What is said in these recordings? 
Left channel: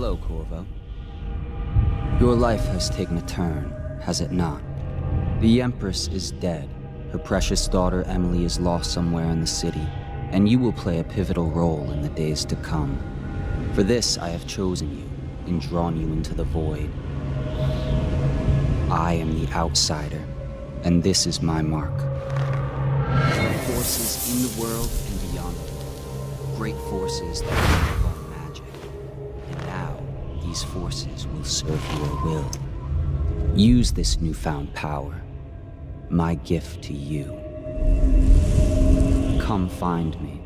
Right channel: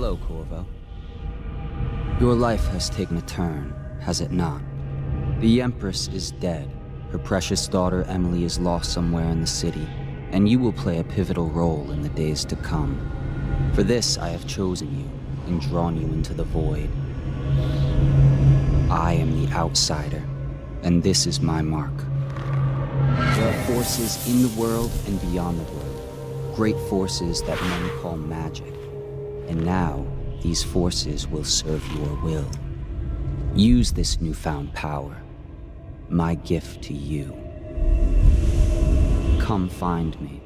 Hello, Corvo. Your life has taken a turn, has it not? The Empress is dead. Her precious daughter Emily is lost somewhere in the city, and you will play a pivotal role in the days to come. For this, I have chosen you and drawn you into the void. I am the outsider, and this is my mark. There are forces in the world and beyond the world. Great forces that men call magic. And now, these forces will serve your will. Use this newfound power, my gift to you. Come find me.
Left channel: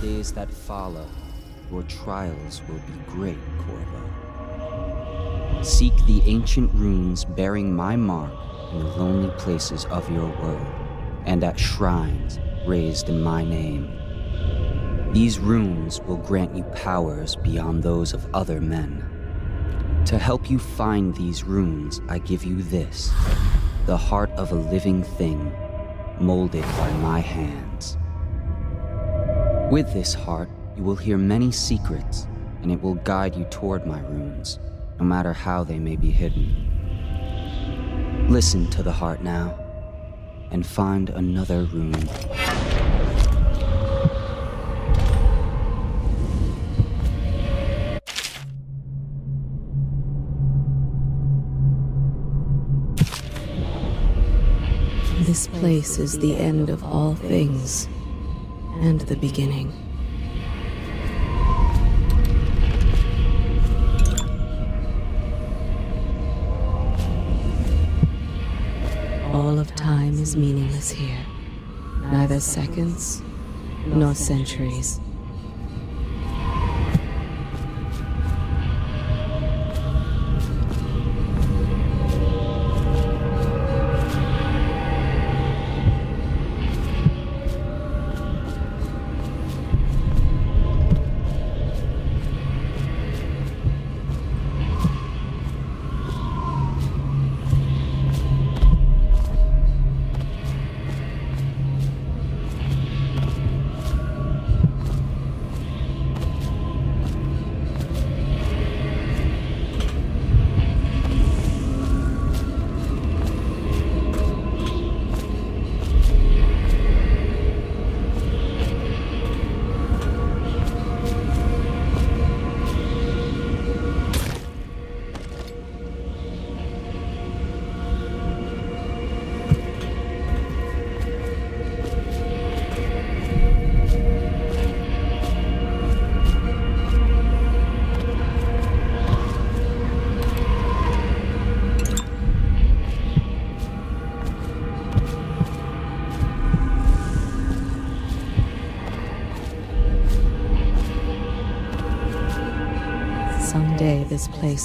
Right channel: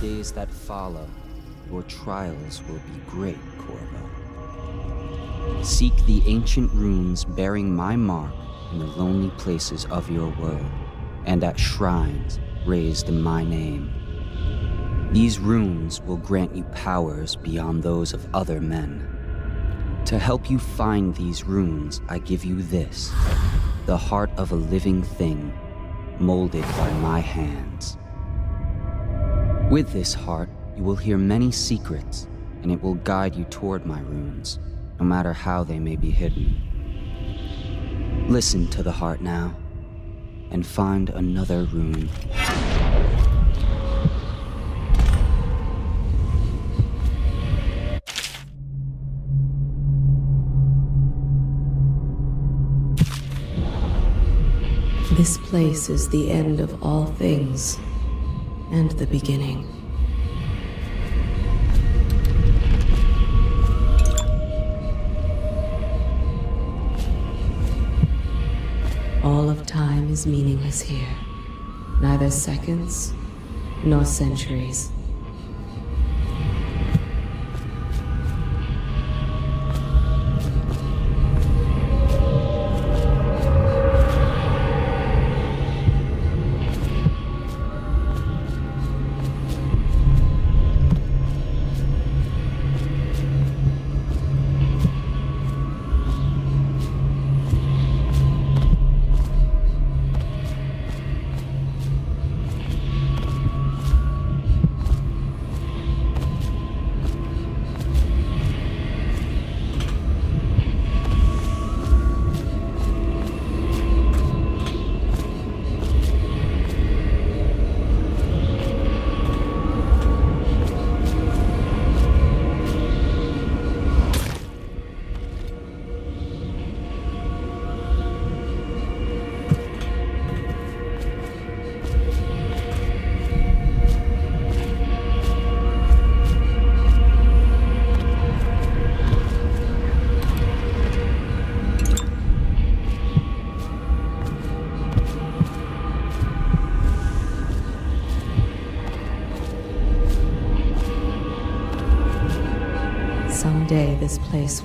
days that follow, your trials will be great, Corvo. Seek the ancient runes bearing my mark in the lonely places of your world, and at shrines raised in my name. These runes will grant you powers beyond those of other men. To help you find these runes, I give you this, the heart of a living thing, molded by my hands. With this heart, you will hear many secrets, and it will guide you toward my runes, no matter how they may be hidden. Listen to the heart now, and find another rune. This place is the end of all things, and the beginning. All of time's meaningless here. Neither seconds, nor centuries.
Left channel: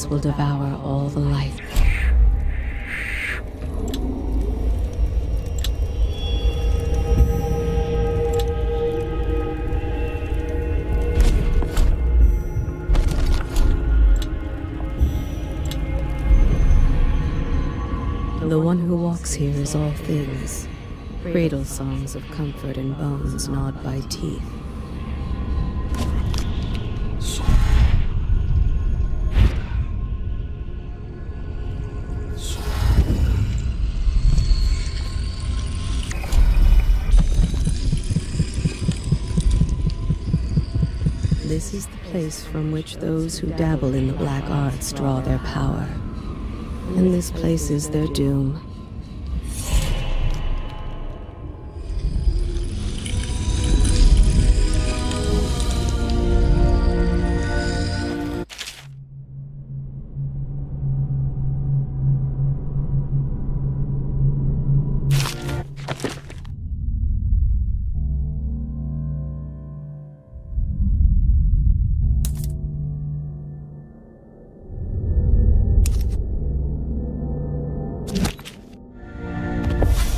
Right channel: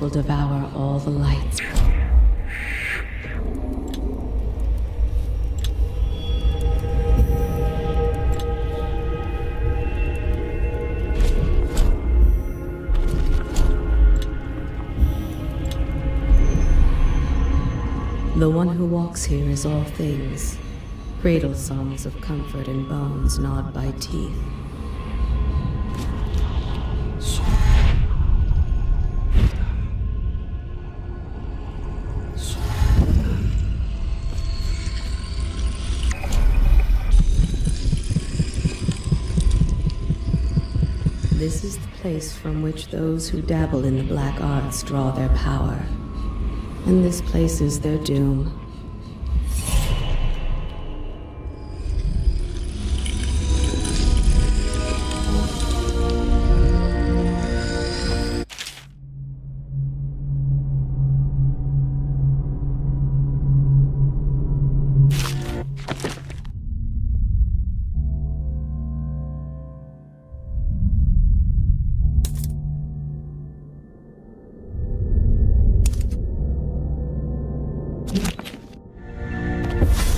Will devour all the light. The one who walks here is all things. Cradle songs of comfort in bones gnawed by teeth. From which those who dabble in black arts draw their power. And this place is their doom.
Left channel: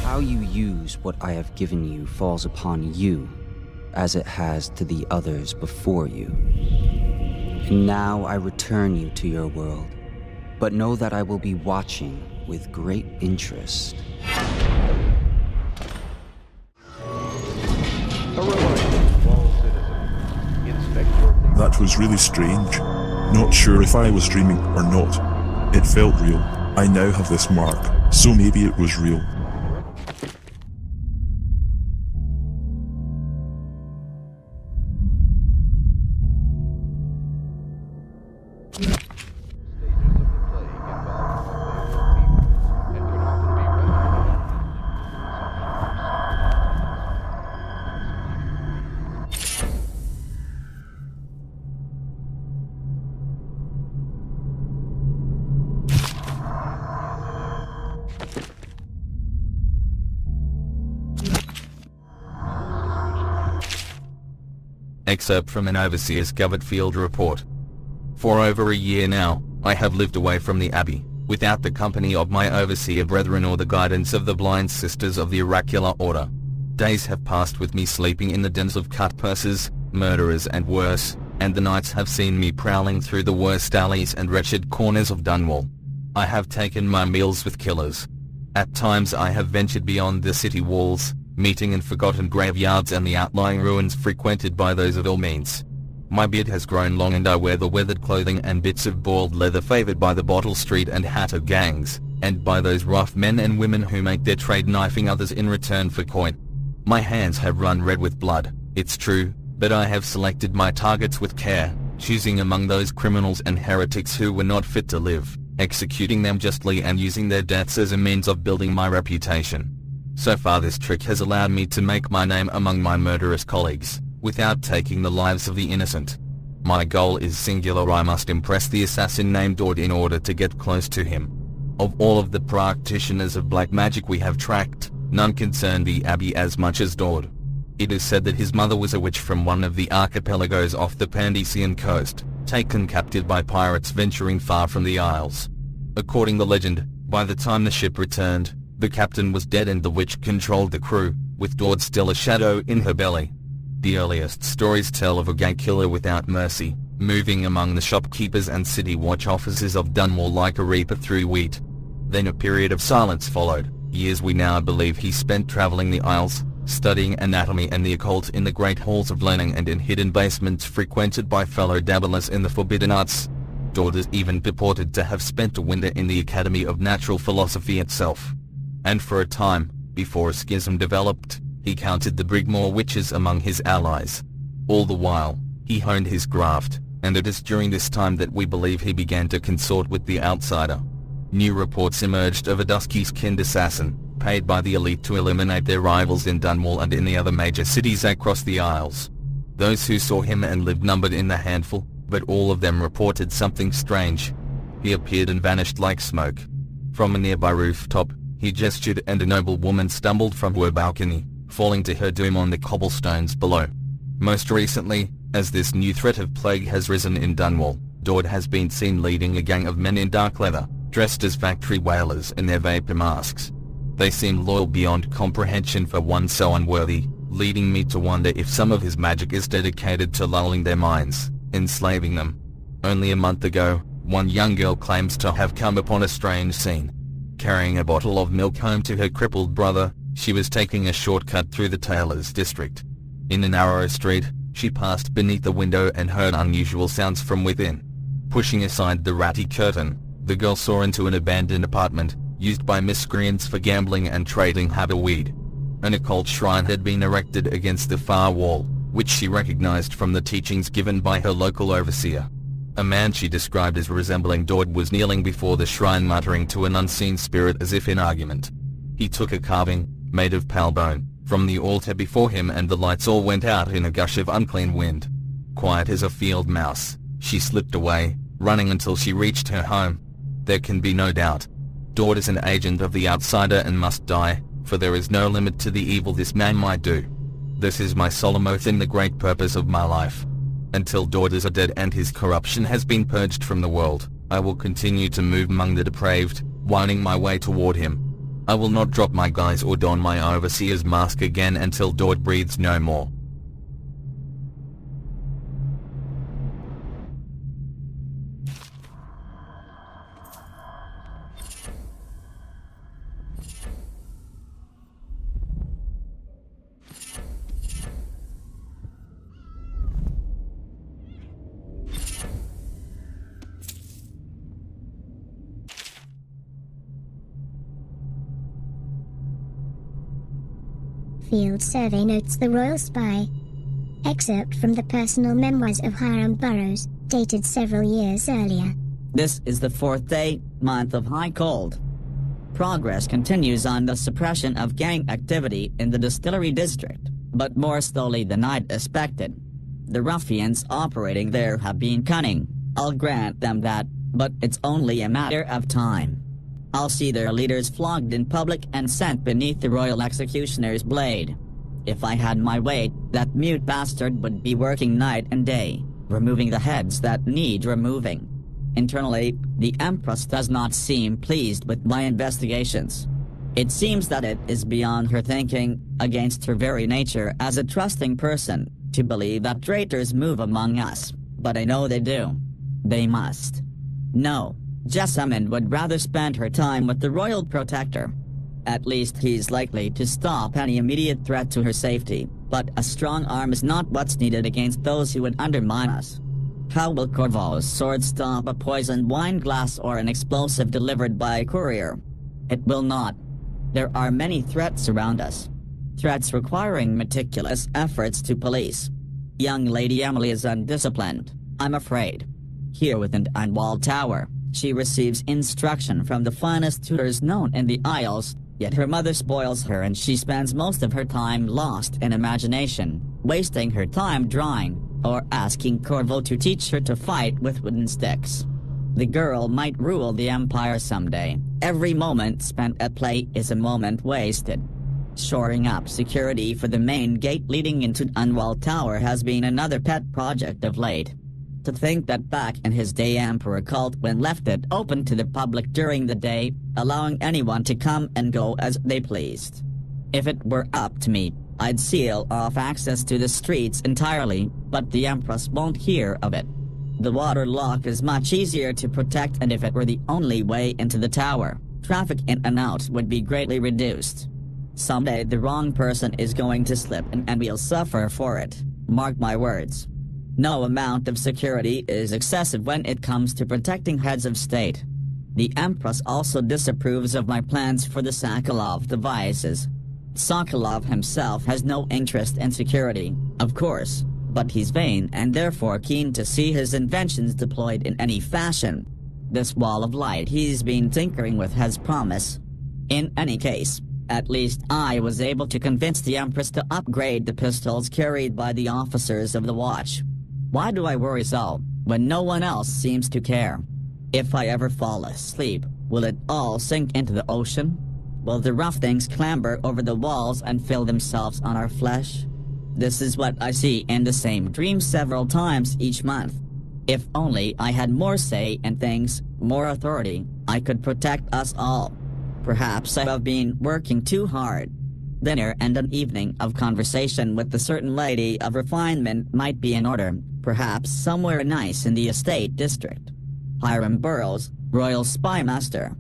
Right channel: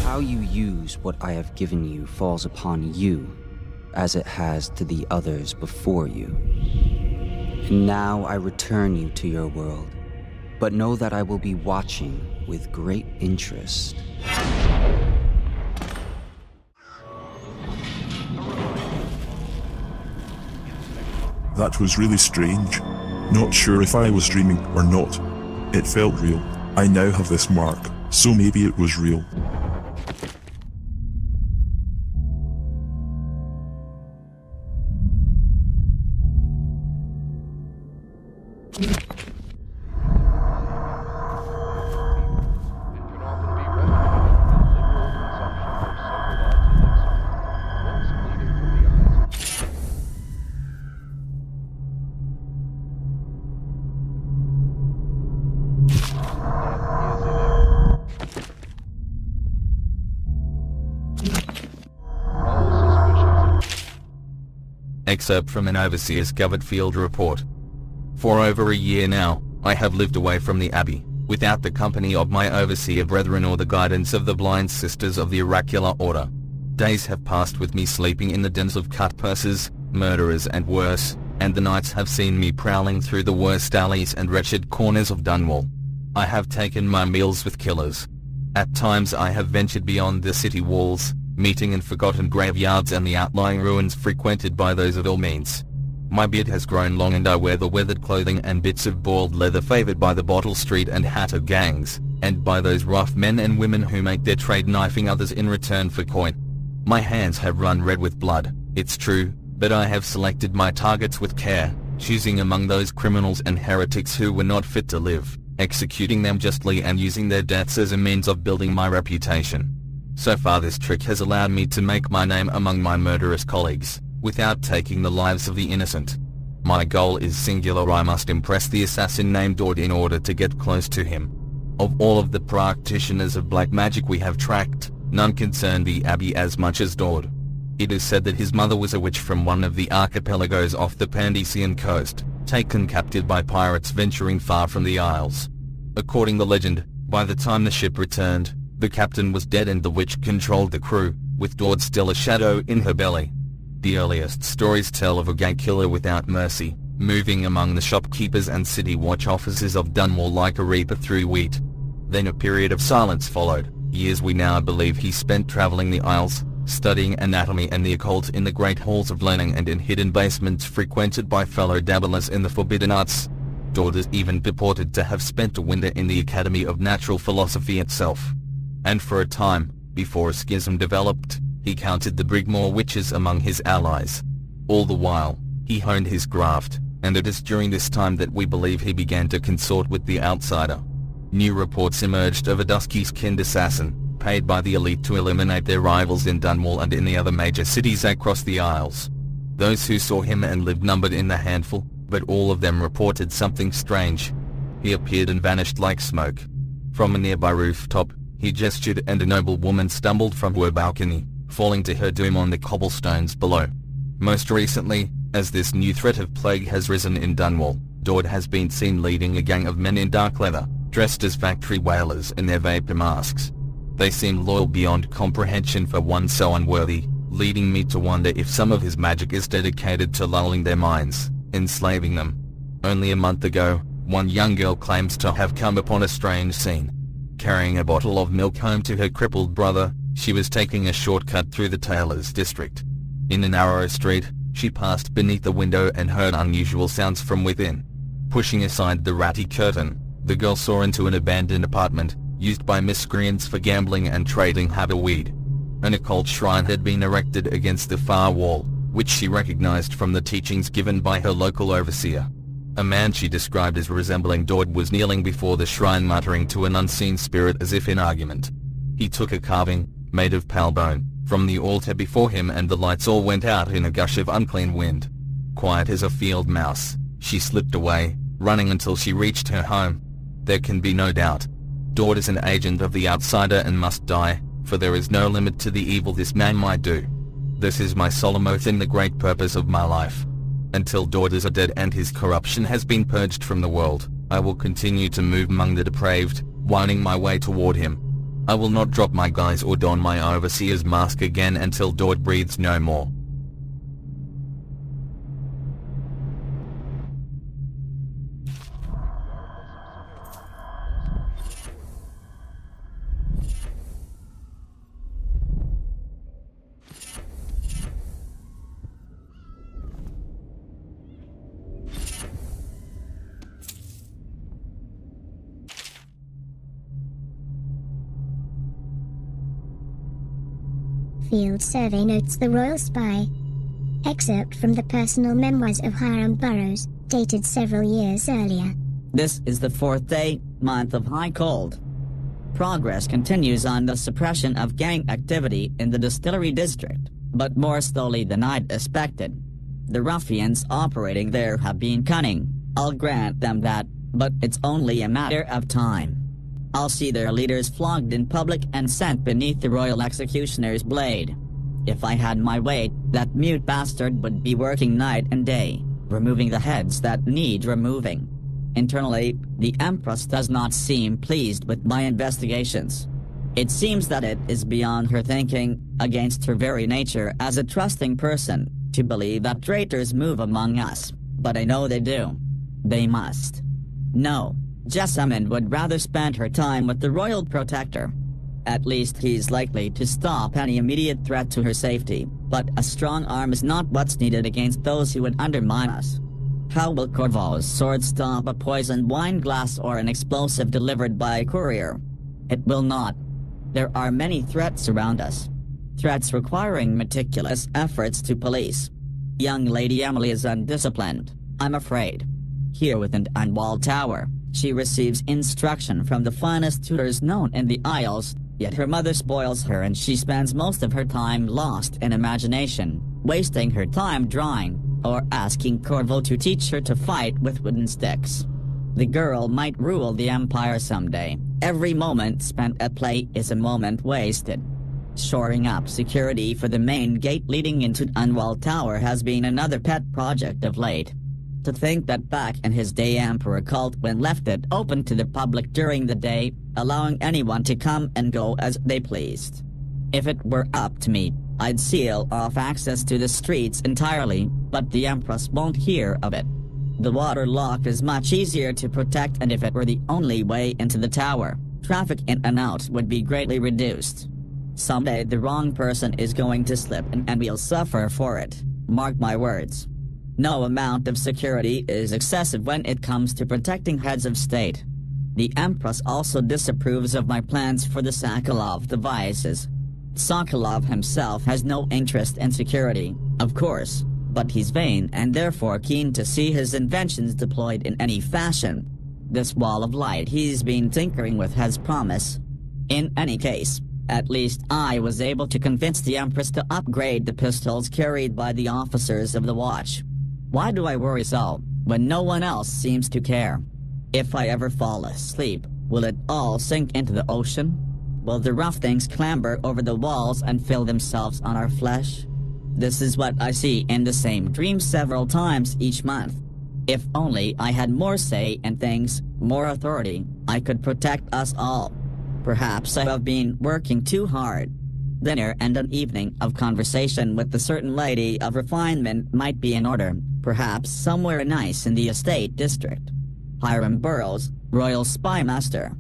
How you use what I have given you falls upon you, as it has to the others before you. And now I return you to your world, but know that I will be watching with great interest. That was really strange. Not sure if I was dreaming or not. It felt real. I now have this mark, so maybe it was real. Excerpt from an Overseer's Covered Field report. For over a year now, I have lived away from the Abbey, without the company of my Overseer brethren or the guidance of the blind sisters of the Oracular Order. Days have passed with me sleeping in the dens of cut purses, murderers and worse, and the nights have seen me prowling through the worst alleys and wretched corners of Dunwall. I have taken my meals with killers. At times I have ventured beyond the city walls, meeting in forgotten graveyards and the outlying ruins frequented by those of ill means. My beard has grown long and I wear the weathered clothing and bits of boiled leather favored by the Bottle Street and Hatter gangs, and by those rough men and women who make their trade knifing others in return for coin. My hands have run red with blood, it's true, but I have selected my targets with care, choosing among those criminals and heretics who were not fit to live, executing them justly and using their deaths as a means of building my reputation. So far this trick has allowed me to make my name among my murderous colleagues, without taking the lives of the innocent. My goal is singular. I must impress the assassin named Dord in order to get close to him. Of all of the practitioners of black magic we have tracked, none concern the Abbey as much as Dord. It is said that his mother was a witch from one of the archipelagos off the Pandesian coast, taken captive by pirates venturing far from the Isles. According to legend, by the time the ship returned, the captain was dead and the witch controlled the crew, with Dord still a shadow in her belly. The earliest stories tell of a gay killer without mercy, moving among the shopkeepers and city watch officers of Dunwall like a reaper through wheat. Then a period of silence followed, years we now believe he spent traveling the Isles, studying anatomy and the occult in the great halls of learning and in hidden basements frequented by fellow dabblers in the forbidden arts. Dord is even purported to have spent a winter in the Academy of Natural Philosophy itself. And for a time, before a schism developed, he counted the Brigmore witches among his allies. All the while, he honed his graft, and it is during this time that we believe he began to consort with the outsider. New reports emerged of a dusky-skinned assassin, paid by the elite to eliminate their rivals in Dunwall and in the other major cities across the Isles. Those who saw him and lived numbered in the handful, but all of them reported something strange. He appeared and vanished like smoke. From a nearby rooftop, he gestured and a noble woman stumbled from her balcony, falling to her doom on the cobblestones below. Most recently, as this new threat of plague has risen in Dunwall, Dord has been seen leading a gang of men in dark leather, dressed as factory whalers in their vapor masks. They seem loyal beyond comprehension for one so unworthy, leading me to wonder if some of his magic is dedicated to lulling their minds, enslaving them. Only a month ago, one young girl claims to have come upon a strange scene. Carrying a bottle of milk home to her crippled brother, she was taking a shortcut through the tailor's district. In a narrow street, she passed beneath the window and heard unusual sounds from within. Pushing aside the ratty curtain, the girl saw into an abandoned apartment, used by miscreants for gambling and trading haberweed. An occult shrine had been erected against the far wall, which she recognized from the teachings given by her local overseer. A man she described as resembling Dord was kneeling before the shrine muttering to an unseen spirit as if in argument. He took a carving, made of pale bone, from the altar before him and the lights all went out in a gush of unclean wind. Quiet as a field mouse, she slipped away, running until she reached her home. There can be no doubt. Dord is an agent of the outsider and must die, for there is no limit to the evil this man might do. This is my solemn oath in the great purpose of my life. Until Dord is dead and his corruption has been purged from the world, I will continue to move among the depraved, winding my way toward him. I will not drop my guise or don my overseer's mask again until Dord breathes no more. Field survey notes the royal spy. Excerpt from the personal memoirs of Hiram Burrows, dated several years earlier. This is the 4th day, month of high cold. Progress continues on the suppression of gang activity in the distillery district, but more slowly than I'd expected. The ruffians operating there have been cunning, I'll grant them that, but it's only a matter of time. I'll see their leaders flogged in public and sent beneath the royal executioner's blade. If I had my way, that mute bastard would be working night and day, removing the heads that need removing. Internally, the Empress does not seem pleased with my investigations. It seems that it is beyond her thinking, against her very nature as a trusting person, to believe that traitors move among us, but I know they do. They must. No, Jessamine would rather spend her time with the Royal Protector. At least he's likely to stop any immediate threat to her safety, but a strong arm is not what's needed against those who would undermine us. How will Corvo's sword stop a poisoned wine glass or an explosive delivered by a courier? It will not. There are many threats around us. Threats requiring meticulous efforts to police. Young Lady Emily is undisciplined, I'm afraid. Here within Dunwall Tower, she receives instruction from the finest tutors known in the Isles, yet her mother spoils her and she spends most of her time lost in imagination, wasting her time drawing, or asking Corvo to teach her to fight with wooden sticks. The girl might rule the Empire someday. Every moment spent at play is a moment wasted. Shoring up security for the main gate leading into Dunwall Tower has been another pet project of late. To think that back in his day Emperor Caldwin left it open to the public during the day, allowing anyone to come and go as they pleased. If it were up to me, I'd seal off access to the streets entirely, but the Empress won't hear of it. The water lock is much easier to protect, and if it were the only way into the tower, traffic in and out would be greatly reduced. Someday the wrong person is going to slip and we'll suffer for it. Mark my words. No amount of security is excessive when it comes to protecting heads of state. The Empress also disapproves of my plans for the Sokolov devices. Sokolov himself has no interest in security, of course, but he's vain and therefore keen to see his inventions deployed in any fashion. This wall of light he's been tinkering with has promise. In any case, at least I was able to convince the Empress to upgrade the pistols carried by the officers of the Watch. Why do I worry so, when no one else seems to care? If I ever fall asleep, will it all sink into the ocean? Will the rough things clamber over the walls and fill themselves on our flesh? This is what I see in the same dream several times each month. If only I had more say in things, more authority, I could protect us all. Perhaps I have been working too hard. Dinner and an evening of conversation with a certain lady of refinement might be in order, perhaps somewhere nice in the estate district. Hiram Burroughs, Royal Spy Master.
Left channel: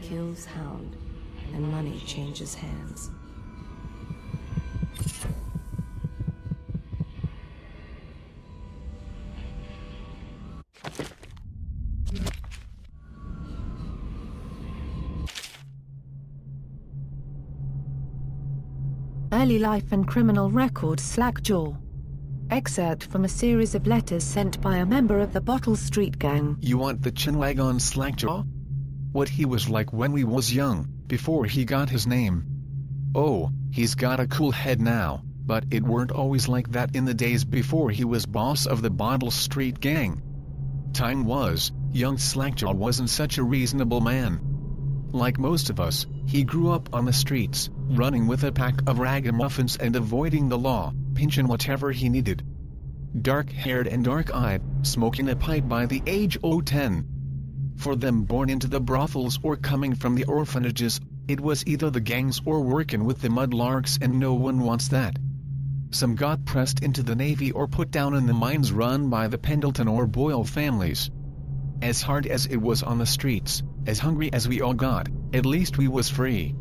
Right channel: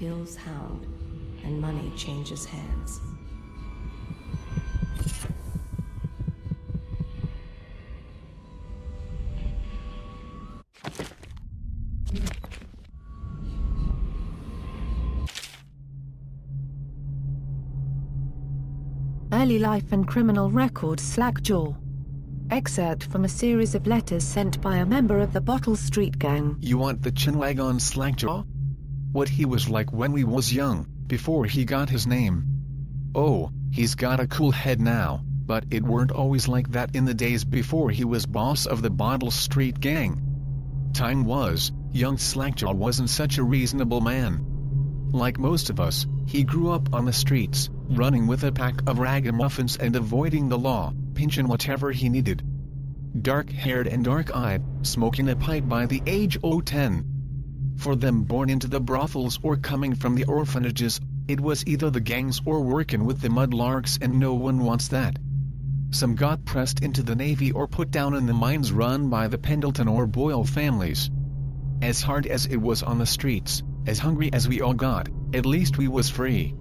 Kills Hound, and money changes hands. Early life and criminal record. Slackjaw. Excerpt from a series of letters sent by a member of the Bottle Street Gang. You want the chinwag on Slackjaw? What he was like when we was young, before he got his name. Oh, he's got a cool head now, but it weren't always like that in the days before he was boss of the Bottle Street Gang. Time was, young Slackjaw wasn't such a reasonable man. Like most of us, he grew up on the streets, running with a pack of ragamuffins and avoiding the law, pinching whatever he needed. Dark-haired and dark-eyed, smoking a pipe by the age o' 10. For them born into the brothels or coming from the orphanages, it was either the gangs or working with the mudlarks, and no one wants that. Some got pressed into the Navy or put down in the mines run by the Pendleton or Boyle families. As hard as it was on the streets, as hungry as we all got, at least we was free.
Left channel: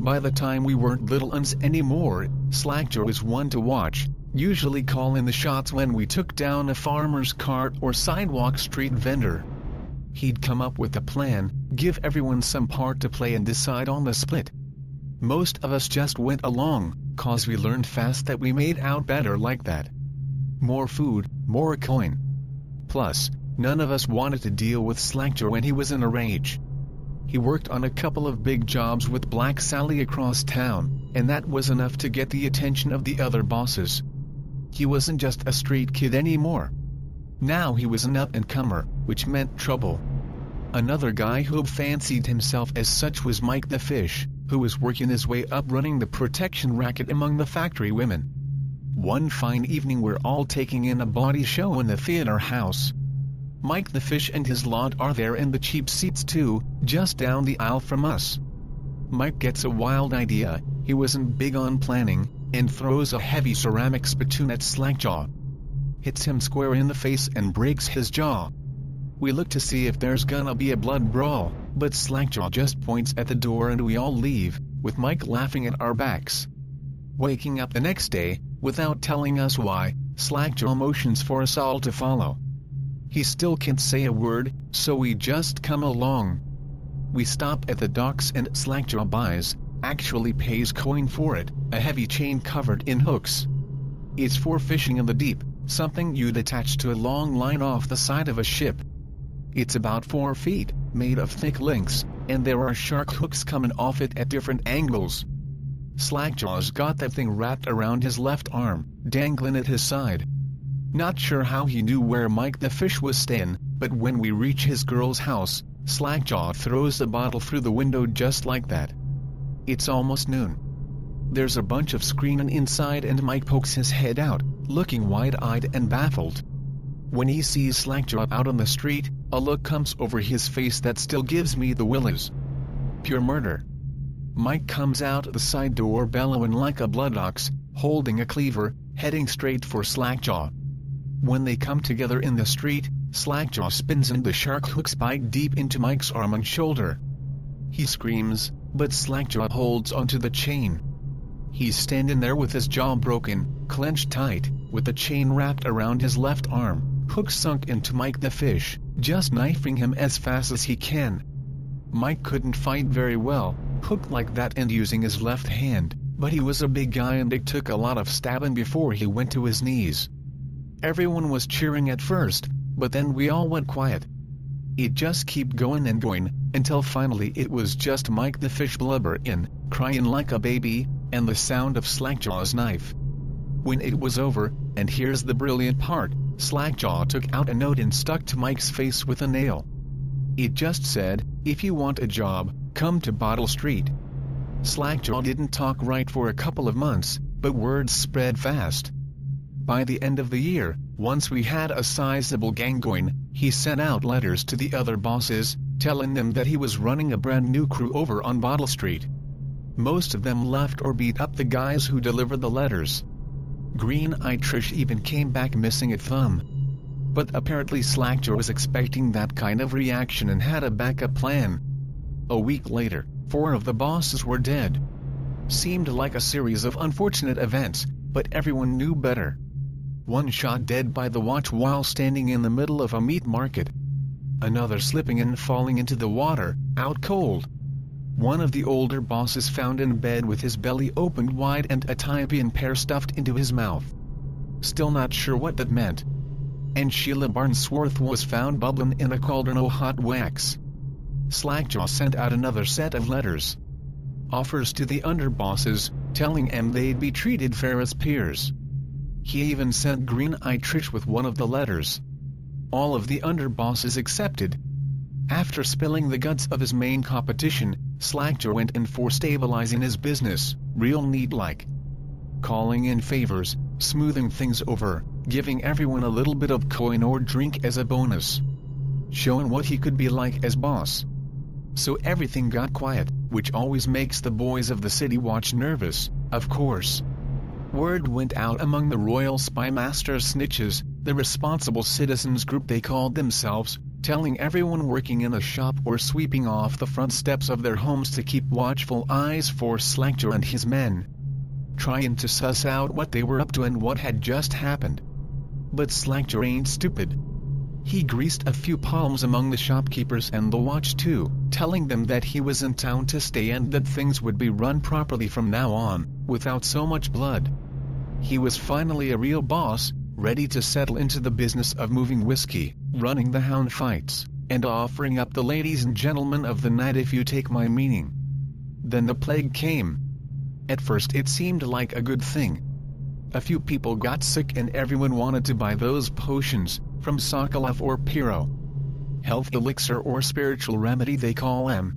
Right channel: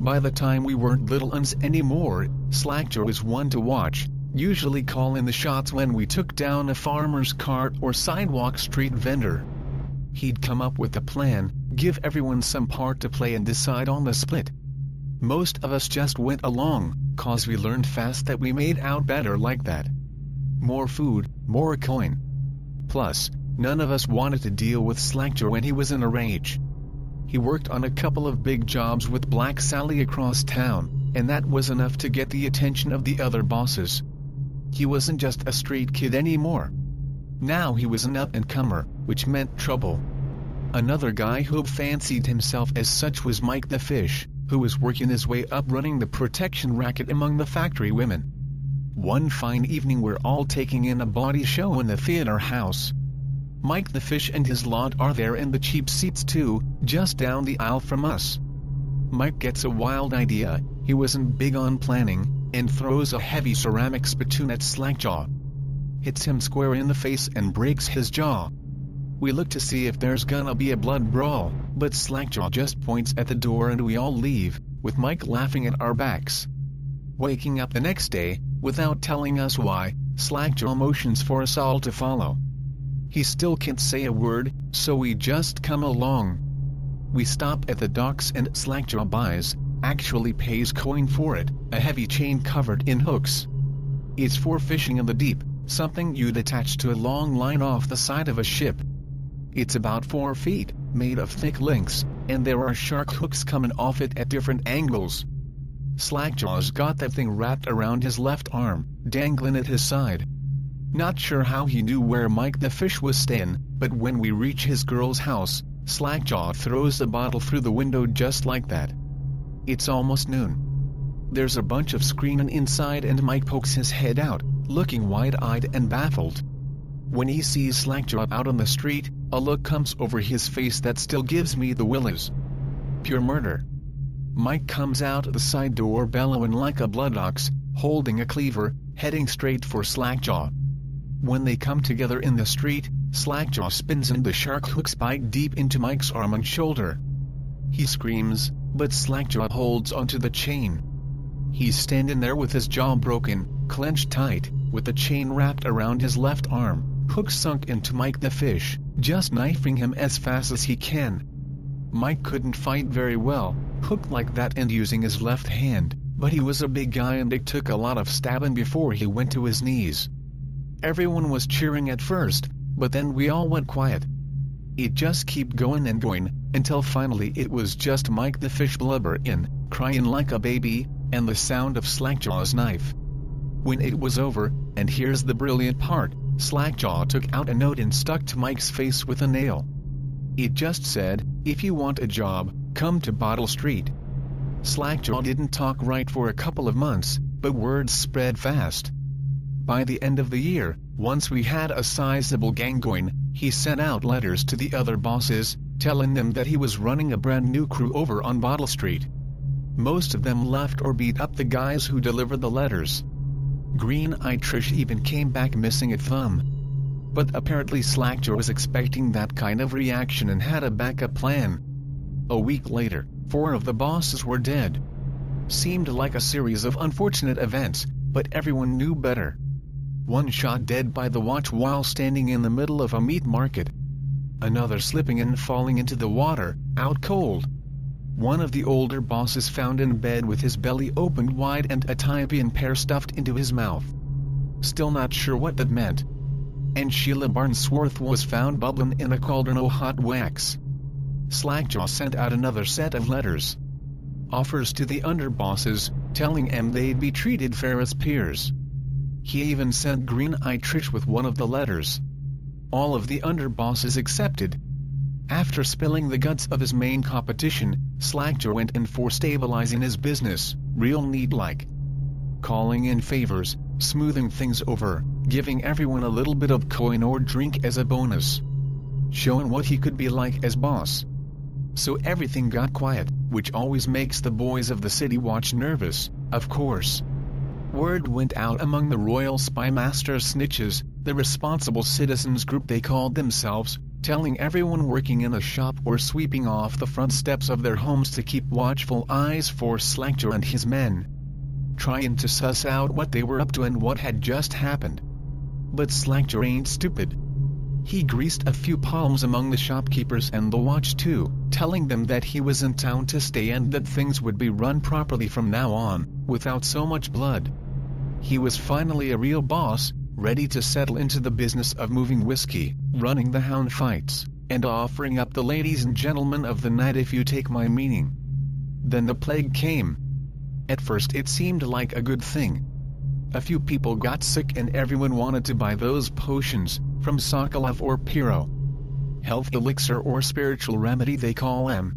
By the time we weren't little uns anymore, Slackjaw was one to watch, usually calling the shots when we took down a farmer's cart or sidewalk street vendor. He'd come up with a plan, give everyone some part to play and decide on the split. Most of us just went along, cause we learned fast that we made out better like that. More food, more coin. Plus, None of us wanted to deal with Slackjaw when he was in a rage. He worked on a couple of big jobs with Black Sally across town, and that was enough to get the attention of the other bosses. He wasn't just a street kid anymore. Now he was an up-and-comer, which meant trouble. Another guy who fancied himself as such was Mike the Fish, who was working his way up running the protection racket among the factory women. One fine evening we're all taking in a body show in the theater house. Mike the Fish and his lot are there in the cheap seats too, just down the aisle from us. Mike gets a wild idea, he wasn't big on planning, and throws a heavy ceramic spittoon at Slackjaw. Hits him square in the face and breaks his jaw. We look to see if there's gonna be a blood brawl, but Slackjaw just points at the door and we all leave, with Mike laughing at our backs. Waking up the next day, without telling us why, Slackjaw motions for us all to follow. He still can't say a word, so we just come along. We stop at the docks and Slackjaw actually pays coin for it, a heavy chain covered in hooks. It's for fishing in the deep, something you'd attach to a long line off the side of a ship. It's about 4 feet, made of thick links, and there are shark hooks coming off it at different angles. Slackjaw's got that thing wrapped around his left arm, dangling at his side. Not sure how he knew where Mike the Fish was staying, but when we reach his girl's house, Slackjaw throws the bottle through the window just like that. It's almost noon. There's a bunch of screaming inside and Mike pokes his head out, looking wide-eyed and baffled. When he sees Slackjaw out on the street, a look comes over his face that still gives me the willies. Pure murder. Mike comes out the side door bellowing like a blood ox, holding a cleaver, heading straight for Slackjaw. When they come together in the street, Slackjaw spins and the shark hooks bite deep into Mike's arm and shoulder. He screams, but Slackjaw holds onto the chain. He's standing there with his jaw broken, clenched tight, with the chain wrapped around his left arm, hook sunk into Mike the Fish, just knifing him as fast as he can. Mike couldn't fight very well, hooked like that and using his left hand, but he was a big guy and it took a lot of stabbing before he went to his knees. Everyone was cheering at first, but then we all went quiet. It just kept going and going, until finally it was just Mike the Fish blubbering, crying like a baby, and the sound of Slackjaw's knife. When it was over, and here's the brilliant part, Slackjaw took out a note and stuck to Mike's face with a nail. It just said, "If you want a job, come to Bottle Street." Slackjaw didn't talk right for a couple of months, but words spread fast. By the end of the year, once we had a sizable gang going, he sent out letters to the other bosses, telling them that he was running a brand new crew over on Bottle Street. Most of them left or beat up the guys who delivered the letters. Green-eyed Trish even came back missing a thumb. But apparently Slackjaw was expecting that kind of reaction and had a backup plan. A week later, 4 of the bosses were dead. Seemed like a series of unfortunate events, but everyone knew better. One shot dead by the watch while standing in the middle of a meat market. Another slipping and falling into the water, out cold. One of the older bosses found in bed with his belly opened wide and a Tybian pear stuffed into his mouth. Still not sure what that meant. And Sheila Barnsworth was found bubbling in a cauldron of hot wax. Slackjaw sent out another set of letters. Offers to the underbosses, telling them they'd be treated fair as peers. He even sent Green-eyed Trish with one of the letters. All of the underbosses accepted. After spilling the guts of his main competition, Slackjaw went in for stabilizing his business, real neat-like. Calling in favors, smoothing things over, giving everyone a little bit of coin or drink as a bonus. Showing what he could be like as boss. So everything got quiet, which always makes the boys of the city watch nervous, of course. Word went out among the Royal Spy Master's snitches, the responsible citizens group they called themselves, telling everyone working in a shop or sweeping off the front steps of their homes to keep watchful eyes for Slackjaw and his men. Trying to suss out what they were up to and what had just happened. But Slackjaw ain't stupid. He greased a few palms among the shopkeepers and the watch too, telling them that he was in town to stay and that things would be run properly from now on, without so much blood. He was finally a real boss, ready to settle into the business of moving whiskey, running the hound fights, and offering up the ladies and gentlemen of the night, if you take my meaning. Then the plague came. At first it seemed like a good thing. A few people got sick and everyone wanted to buy those potions, from Sokolov or Piro. Health elixir or spiritual remedy they call them.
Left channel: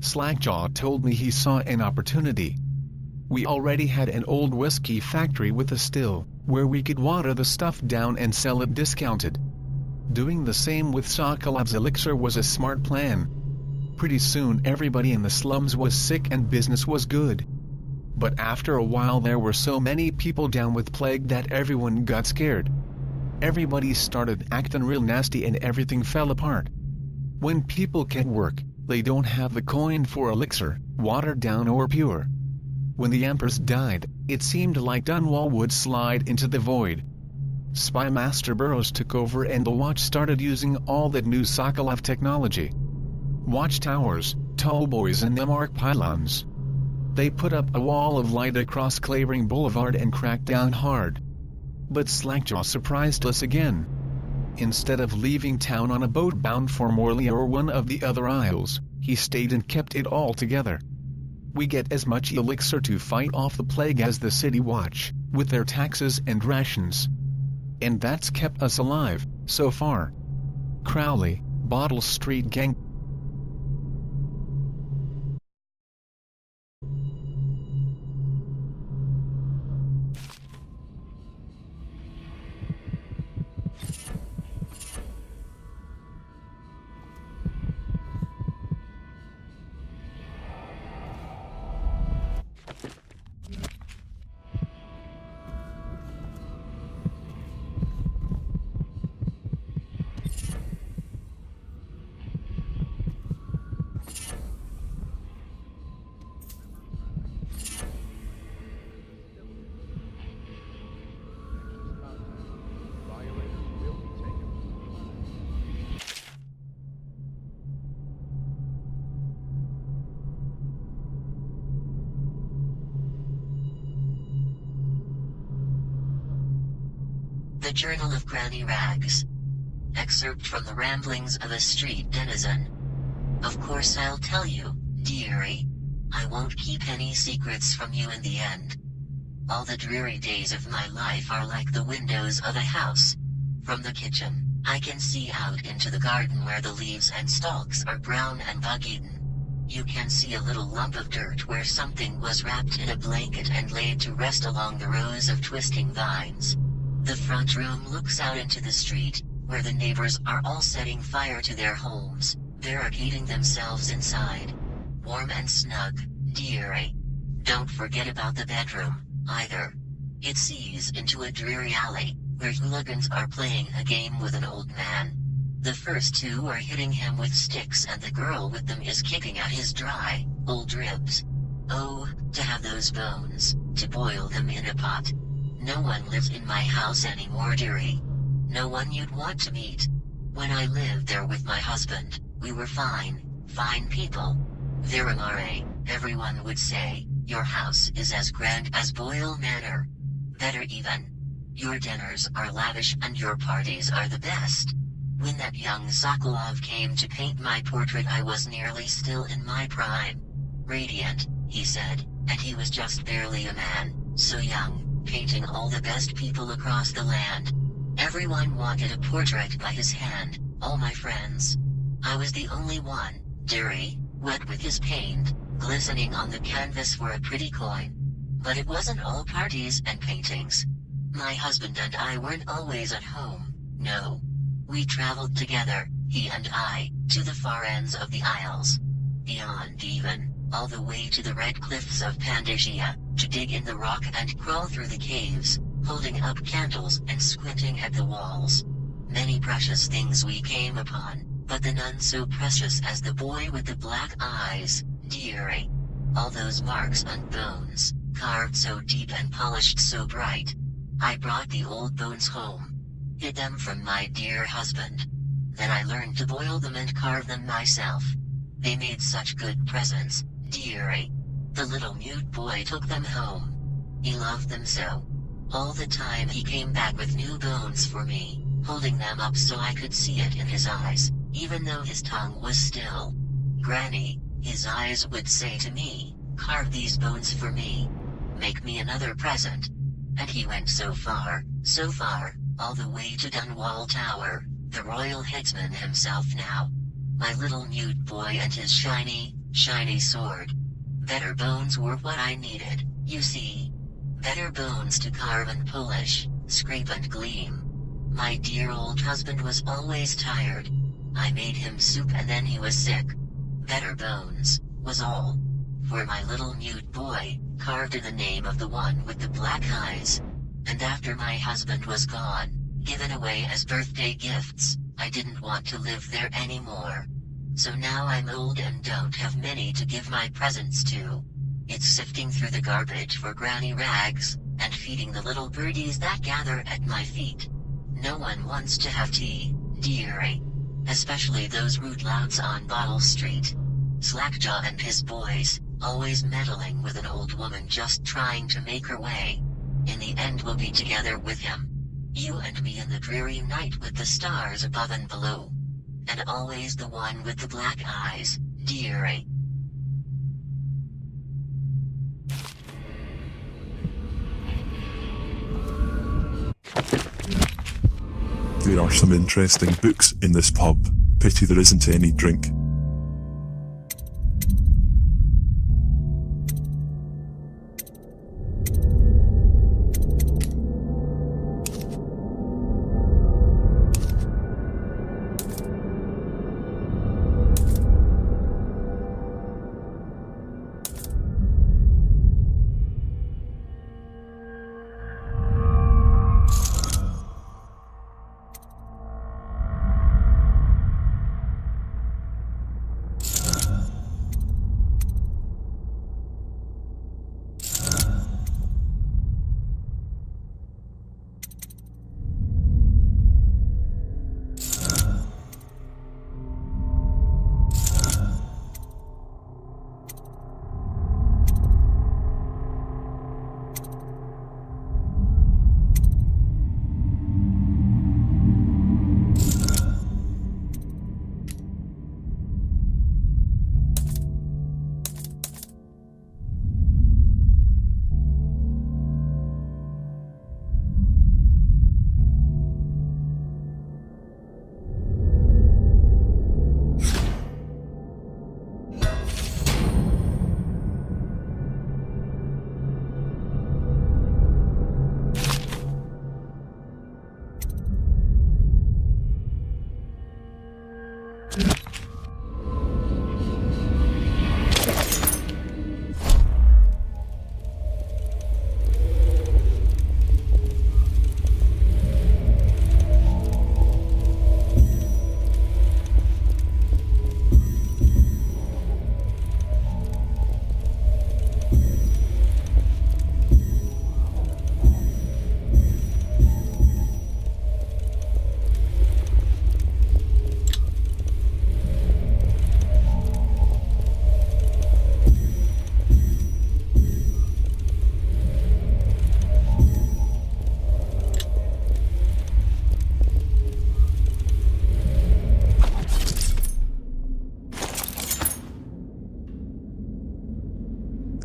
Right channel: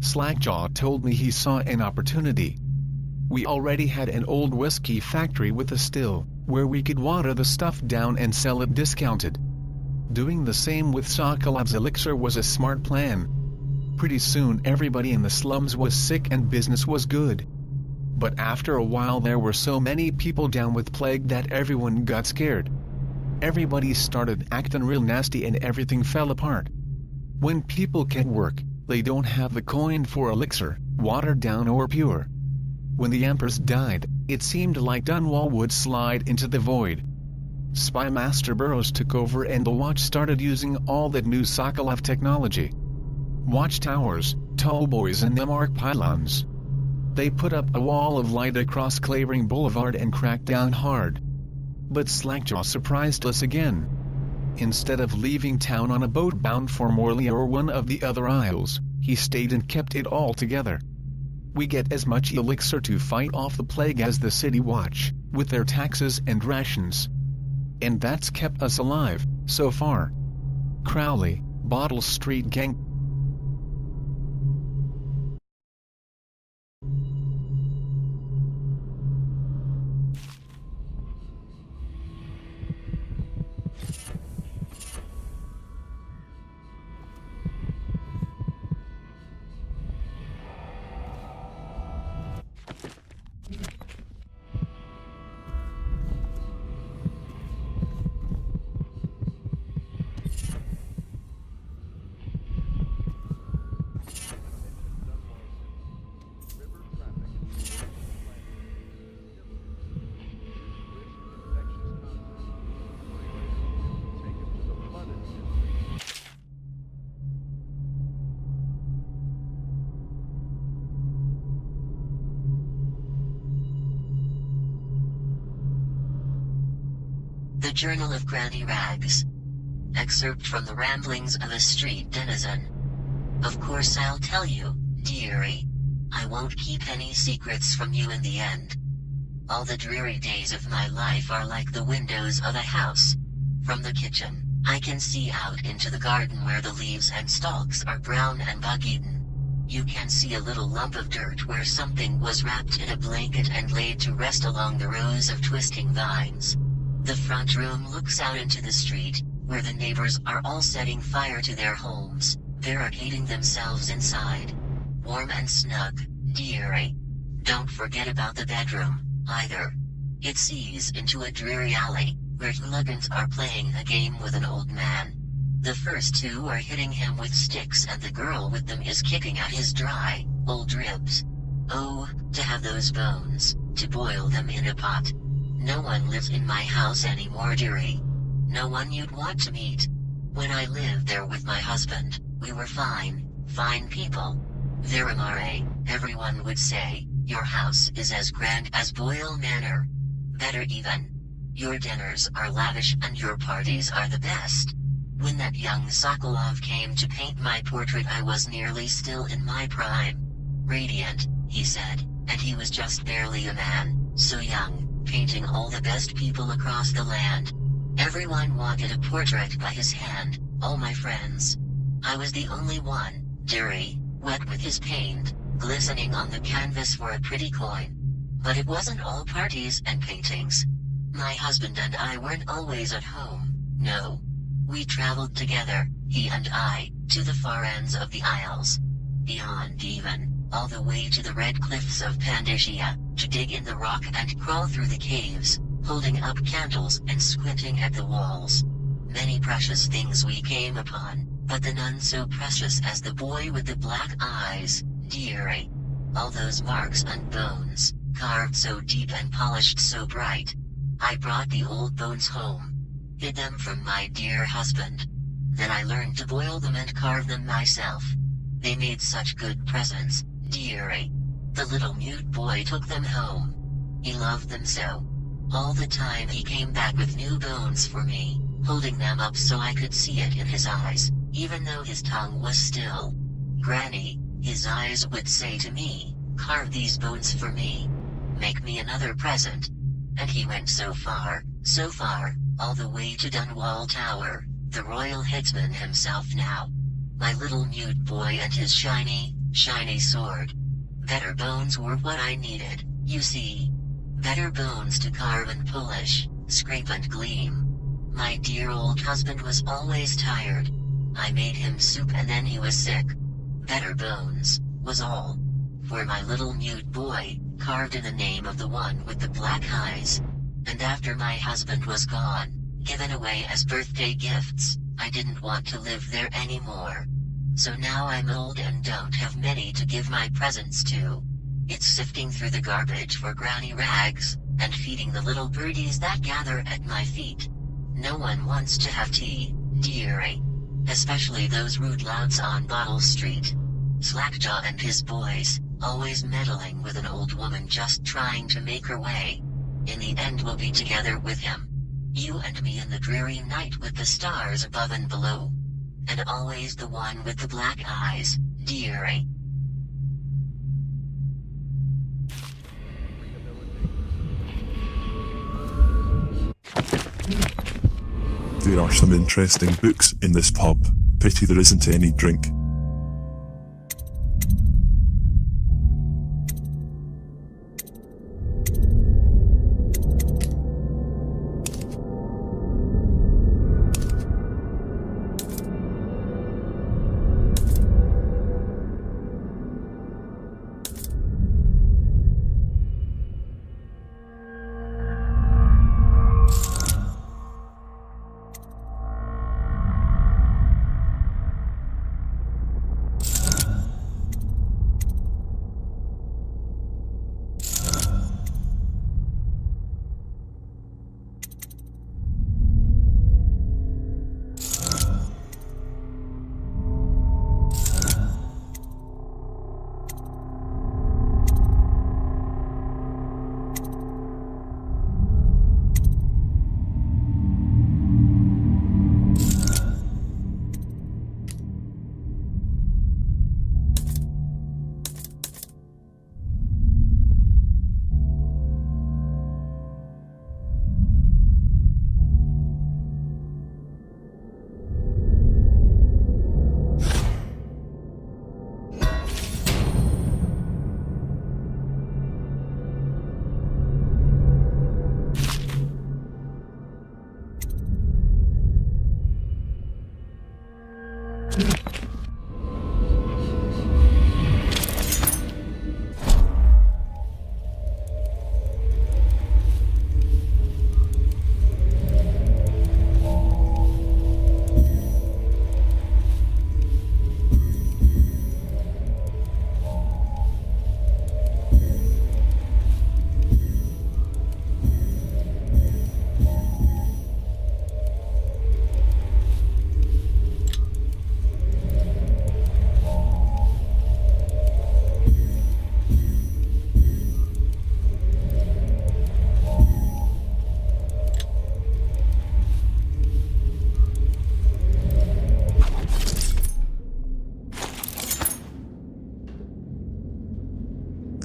Slackjaw told me he saw an opportunity. We already had an old whiskey factory with a still, where we could water the stuff down and sell it discounted. Doing the same with Sokolov's elixir was a smart plan. Pretty soon everybody in the slums was sick and business was good. But after a while there were so many people down with plague that everyone got scared. Everybody started acting real nasty and everything fell apart. When people can't work, they don't have the coin for elixir, watered down or pure. When the Empress died, it seemed like Dunwall would slide into the void. Spy Master Burroughs took over and the Watch started using all that new Sokolov technology. Watchtowers, tallboys and them arc pylons. They put up a wall of light across Clavering Boulevard and cracked down hard. But Slackjaw surprised us again. Instead of leaving town on a boat bound for Morley or one of the other isles, he stayed and kept it all together. We get as much elixir to fight off the plague as the City Watch, with their taxes and rations. And that's kept us alive, so far. Crowley, Bottle Street Gang. The Journal of Granny Rags. Excerpt from the Ramblings of a Street Denizen. Of course I'll tell you, dearie. I won't keep any secrets from you in the end. All the dreary days of my life are like the windows of a house. From the kitchen, I can see out into the garden where the leaves and stalks are brown and bug-eaten. You can see a little lump of dirt where something was wrapped in a blanket and laid to rest along the rows of twisting vines. The front room looks out into the street, where the neighbors are all setting fire to their homes, barricading themselves inside. Warm and snug, dearie. Don't forget about the bedroom, either. It sees into a dreary alley, where hooligans are playing a game with an old man. The first two are hitting him with sticks and the girl with them is kicking at his dry, old ribs. Oh, to have those bones, to boil them in a pot. No one lives in my house anymore, dearie. No one you'd want to meet. When I lived there with my husband, we were fine people. Verimare, everyone would say, your house is as grand as Boyle Manor. Better even. Your dinners are lavish and your parties are the best. When that young Sokolov came to paint my portrait I was nearly still in my prime. Radiant, he said, and he was just barely a man, so young. Painting all the best people across the land. Everyone wanted a portrait by his hand, all my friends. I was the only one, dearie, wet with his paint, glistening on the canvas for a pretty coin. But it wasn't all parties and paintings. My husband and I weren't always at home, no. We traveled together, he and I, to the far ends of the Isles. Beyond even. All the way to the red cliffs of Pandasia, to dig in the rock and crawl through the caves, holding up candles and squinting at the walls. Many precious things we came upon, but the none so precious as the boy with the black eyes, dearie. All those marks and bones, carved so deep and polished so bright. I brought the old bones home. Hid them from my dear husband. Then I learned to boil them and carve them myself. They made such good presents. Dearie. The little mute boy took them home. He loved them so. All the time he came back with new bones for me, holding them up so I could see it in his eyes, even though his tongue was still. Granny, his eyes would say to me, carve these bones for me. Make me another present. And he went so far, all the way to Dunwall Tower, the royal headsman himself now. My little mute boy and his shiny sword. Better bones were what I needed, you see. Better bones to carve and polish, scrape and gleam. My dear old husband was always tired. I made him soup and then he was sick. Better bones, was all. For my little mute boy, carved in the name of the one with the black eyes. And after my husband was gone, given away as birthday gifts, I didn't want to live there anymore. So now I'm old and don't have many to give my presents to. It's sifting through the garbage for granny rags, and feeding the little birdies that gather at my feet. No one wants to have tea, dearie. Especially those rude louts on Bottle Street. Slackjaw and his boys, always meddling with an old woman just trying to make her way. In the end we'll be together with him. You and me in the dreary night with the stars above and below. And always the one with the black eyes, dearie. There are some interesting books in this pub. Pity there isn't any drink.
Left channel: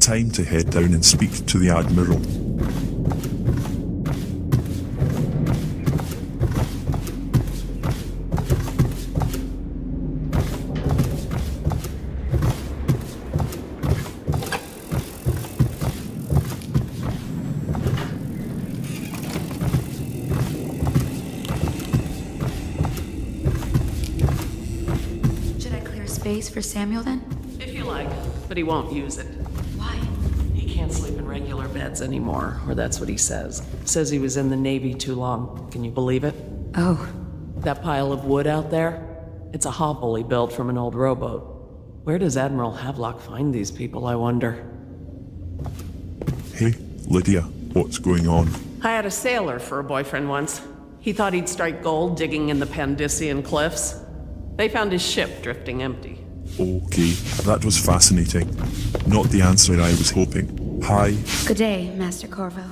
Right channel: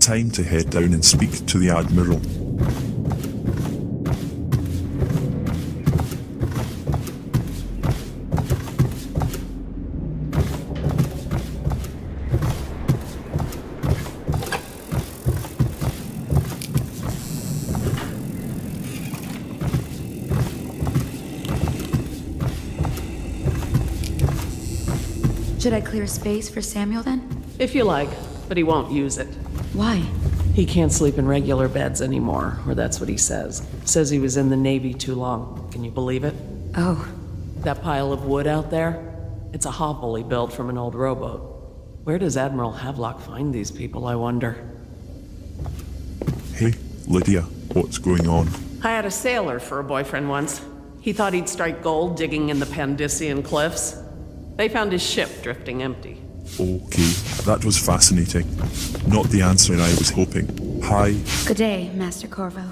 Time to head down and speak to the Admiral. Should I clear space for Samuel then? If you like, but he won't use it. Why? He can't sleep in regular beds anymore, or that's what he says. Says he was in the Navy too long. Can you believe it? Oh. That pile of wood out there? It's a hovel he built from an old rowboat. Where does Admiral Havelock find these people, I wonder? Hey, Lydia, what's going on? I had a sailor for a boyfriend once. He thought he'd strike gold digging in the Pandician cliffs. They found his ship drifting empty. Okay, that was fascinating. Not the answer I was hoping. Hi. Good day, Master Corvo.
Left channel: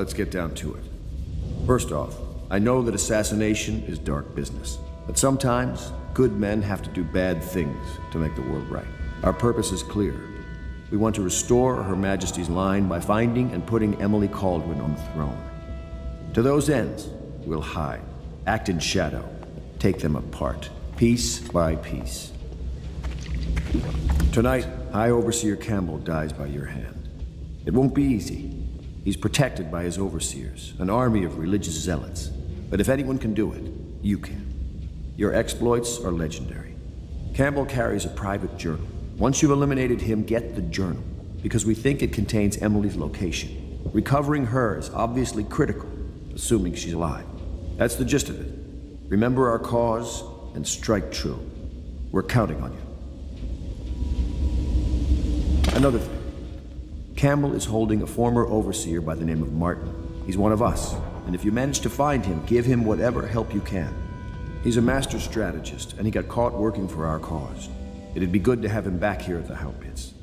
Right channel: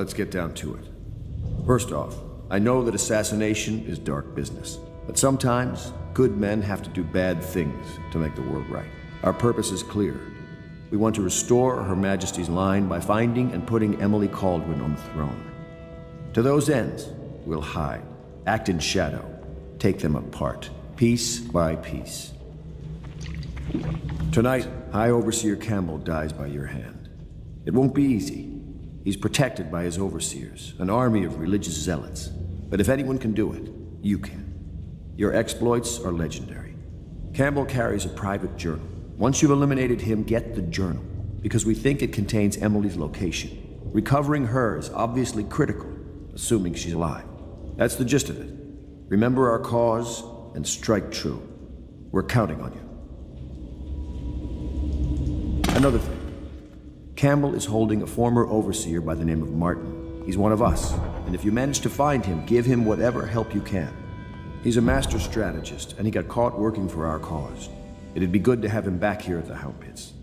let's get down to it. First off, I know that assassination is dark business, but sometimes good men have to do bad things to make the world right. Our purpose is clear. We want to restore Her Majesty's line by finding and putting Emily Kaldwin on the throne. To those ends, we'll hide, act in shadow, take them apart, piece by piece. Tonight, High Overseer Campbell dies by your hand. It won't be easy. He's protected by his overseers, an army of religious zealots. But if anyone can do it, you can. Your exploits are legendary. Campbell carries a private journal. Once you've eliminated him, get the journal, because we think it contains Emily's location. Recovering her is obviously critical, assuming she's alive. That's the gist of it. Remember our cause and strike true. We're counting on you. Another thing. Campbell is holding a former overseer by the name of Martin. He's one of us, and if you manage to find him, give him whatever help you can. He's a master strategist, and he got caught working for our cause. It'd be good to have him back here at the Hound Pits.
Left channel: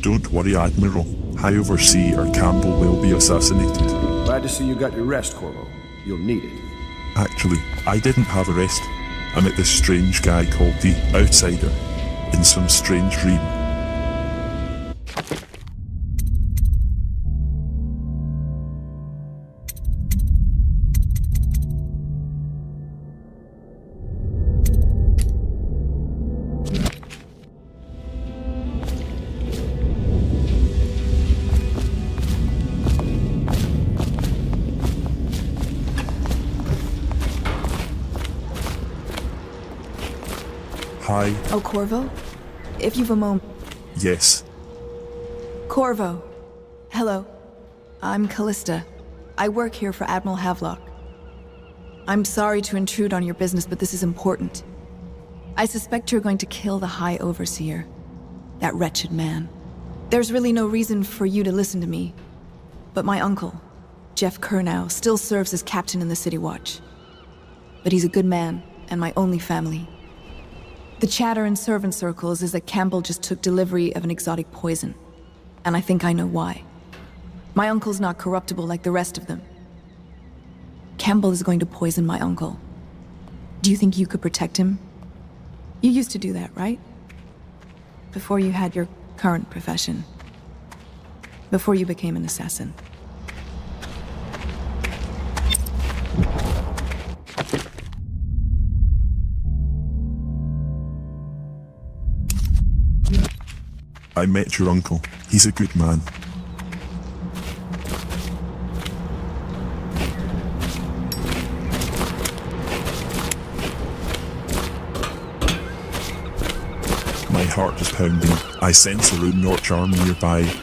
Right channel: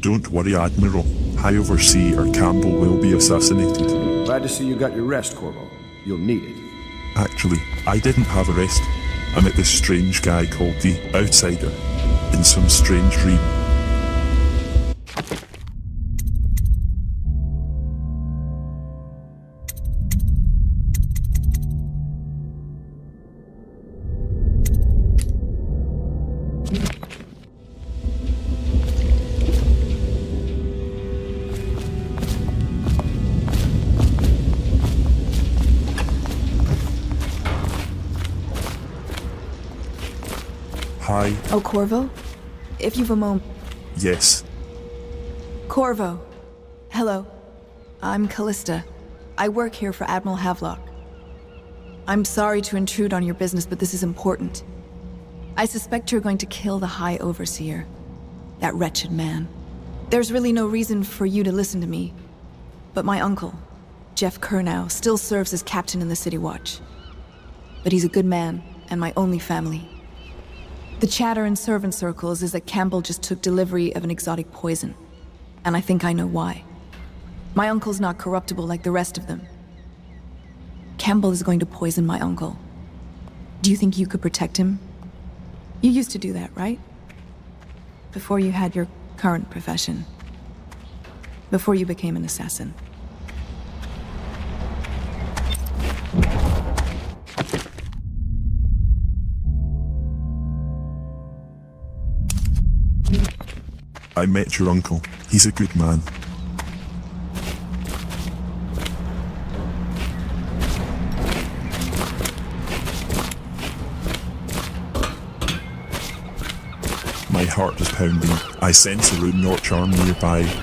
Don't worry, Admiral. High Overseer Campbell will be assassinated. Glad to see you got your rest, Corvo. You'll need it. Actually, I didn't have a rest. I met this strange guy called the Outsider in some strange dream. Oh, Corvo? If you've a moment. Yes. Corvo. Hello. I'm Callista. I work here for Admiral Havelock. I'm sorry to intrude on your business, but this is important. I suspect you're going to kill the High Overseer. That wretched man. There's really no reason for you to listen to me. But my uncle, Jeff Kernow, still serves as captain in the City Watch. But he's a good man, and my only family. The chatter in servant circles is that Campbell just took delivery of an exotic poison. And I think I know why. My uncle's not corruptible like the rest of them. Campbell is going to poison my uncle. Do you think you could protect him? You used to do that, right? Before you had your current profession. Before you became an assassin. I met your uncle. He's a good man. My heart is pounding. I sense a Rune Notch army nearby.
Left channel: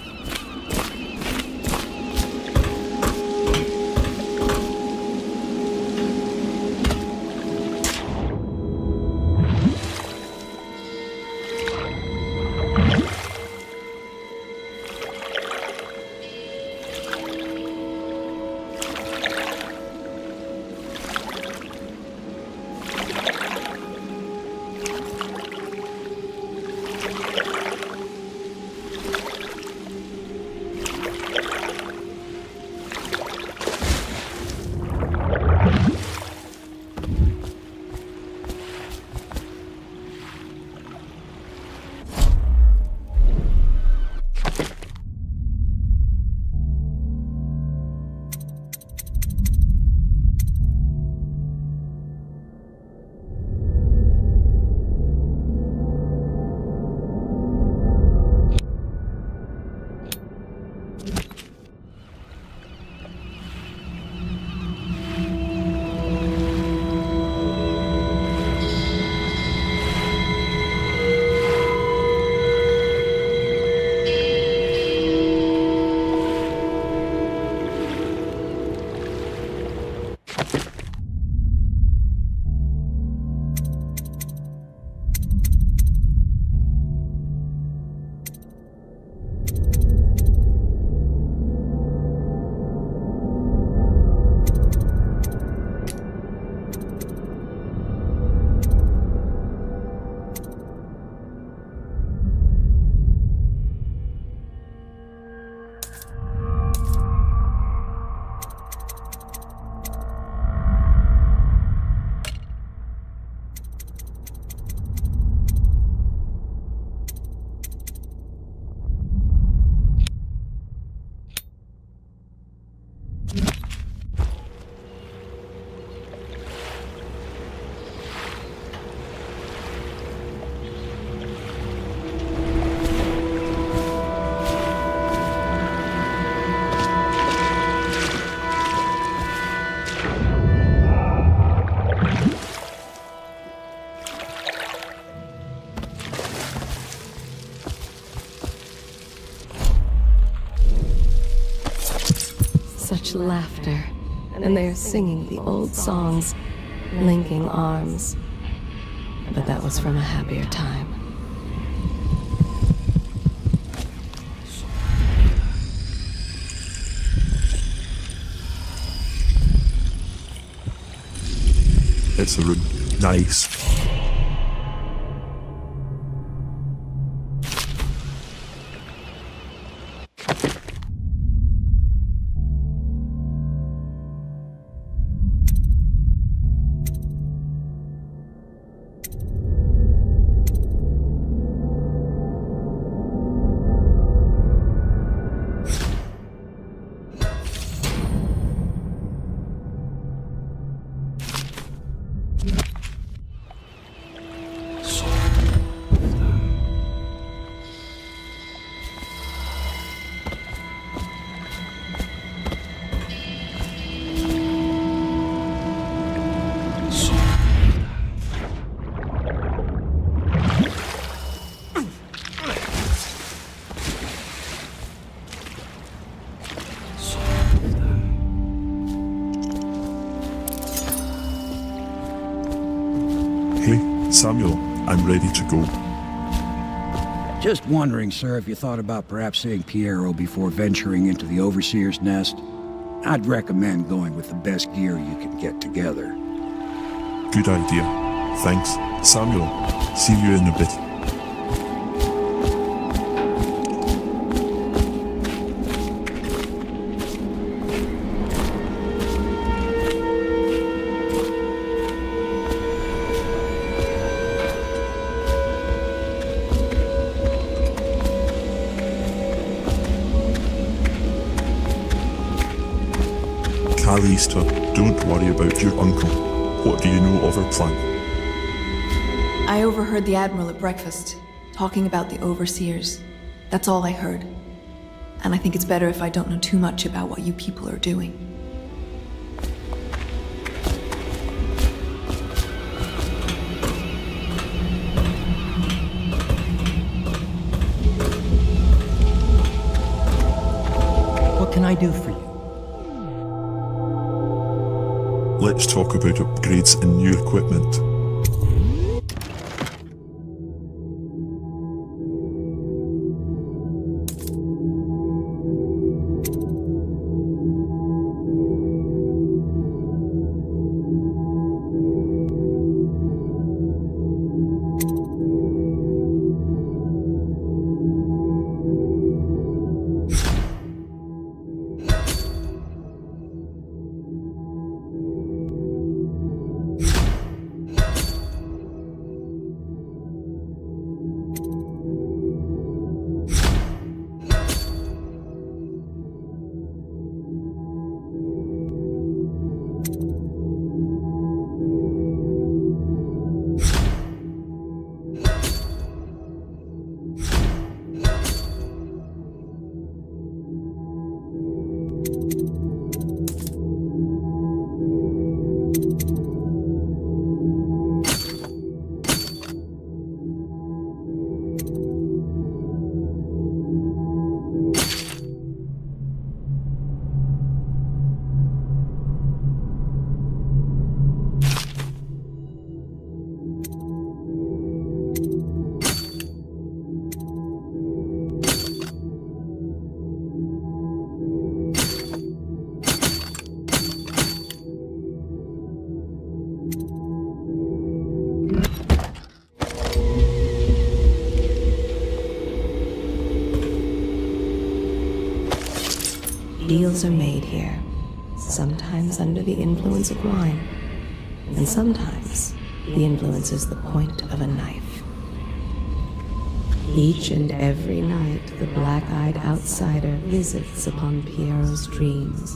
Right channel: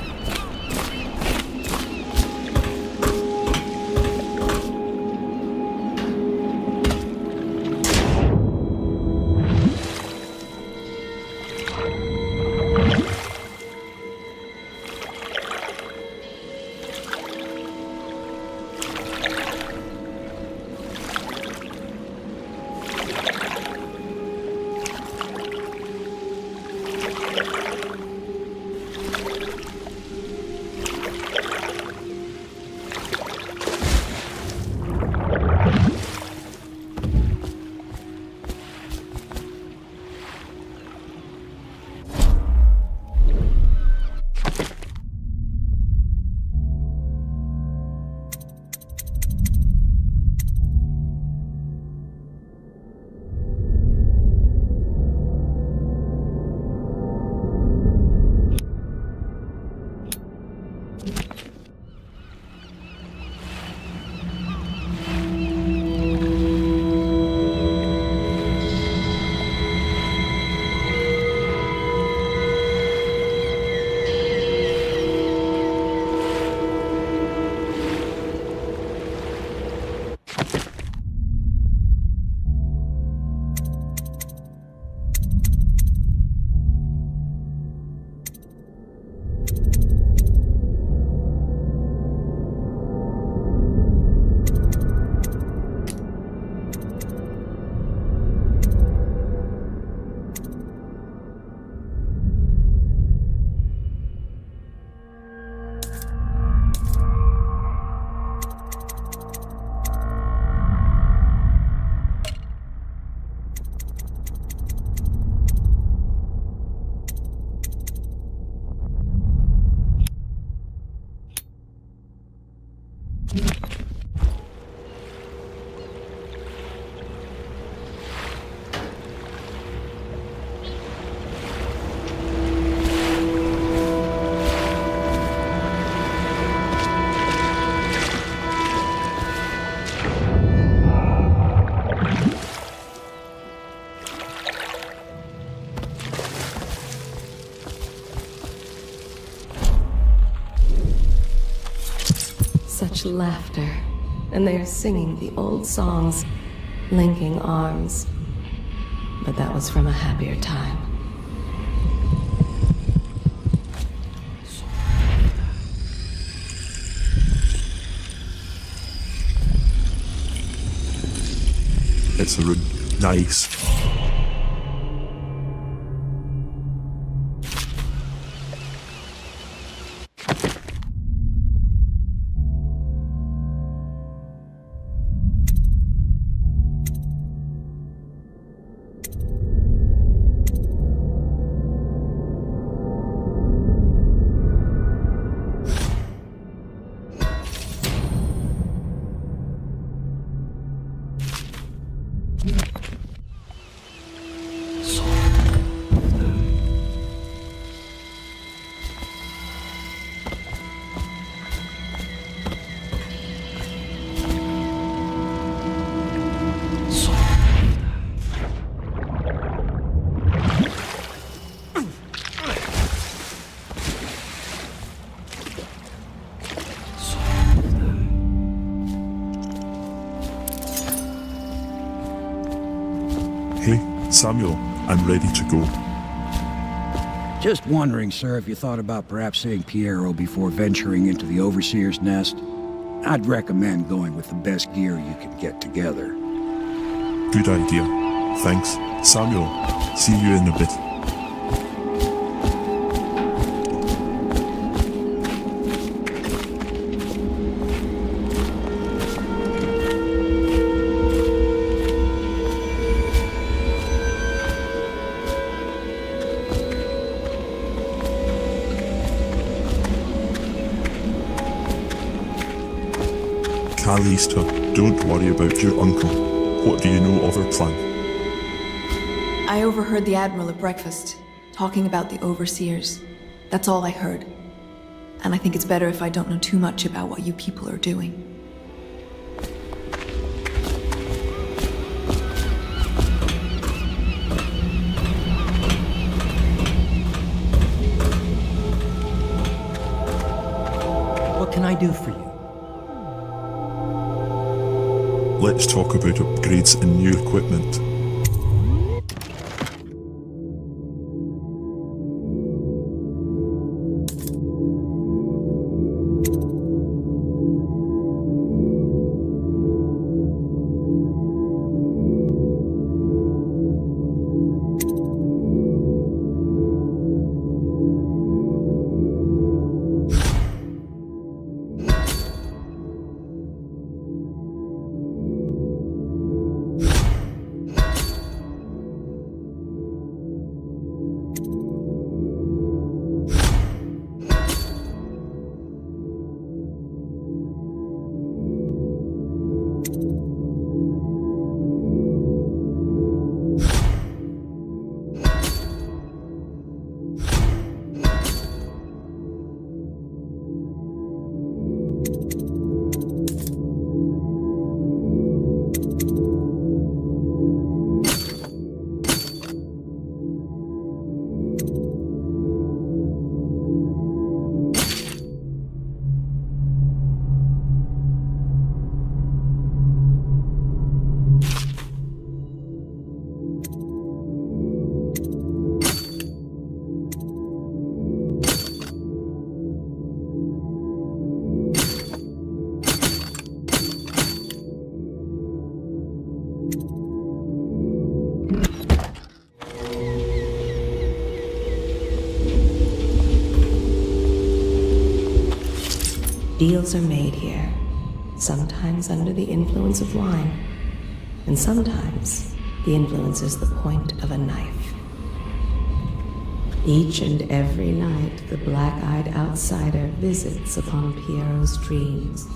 much laughter, and they're singing the old songs, linking arms. But that was from a happier time. It's the room. Nice. Hey, Samuel, I'm ready to go. Just wondering, sir, if you thought about perhaps seeing Piero before venturing into the Overseer's nest. I'd recommend going with the best gear you can get together. Good idea. Thanks. Samuel, see you in a bit. Callisto, don't worry about your uncle. What do you know of our plan? I overheard the Admiral at breakfast, talking about the Overseers. That's all I heard. And I think it's better if I don't know too much about what you people are doing. What can I do for you? Let's talk about upgrades and new equipment. Deals are made here, sometimes under the influence of wine, and sometimes the influence is the point of a knife. Each and every night the black-eyed outsider visits upon Piero's dreams,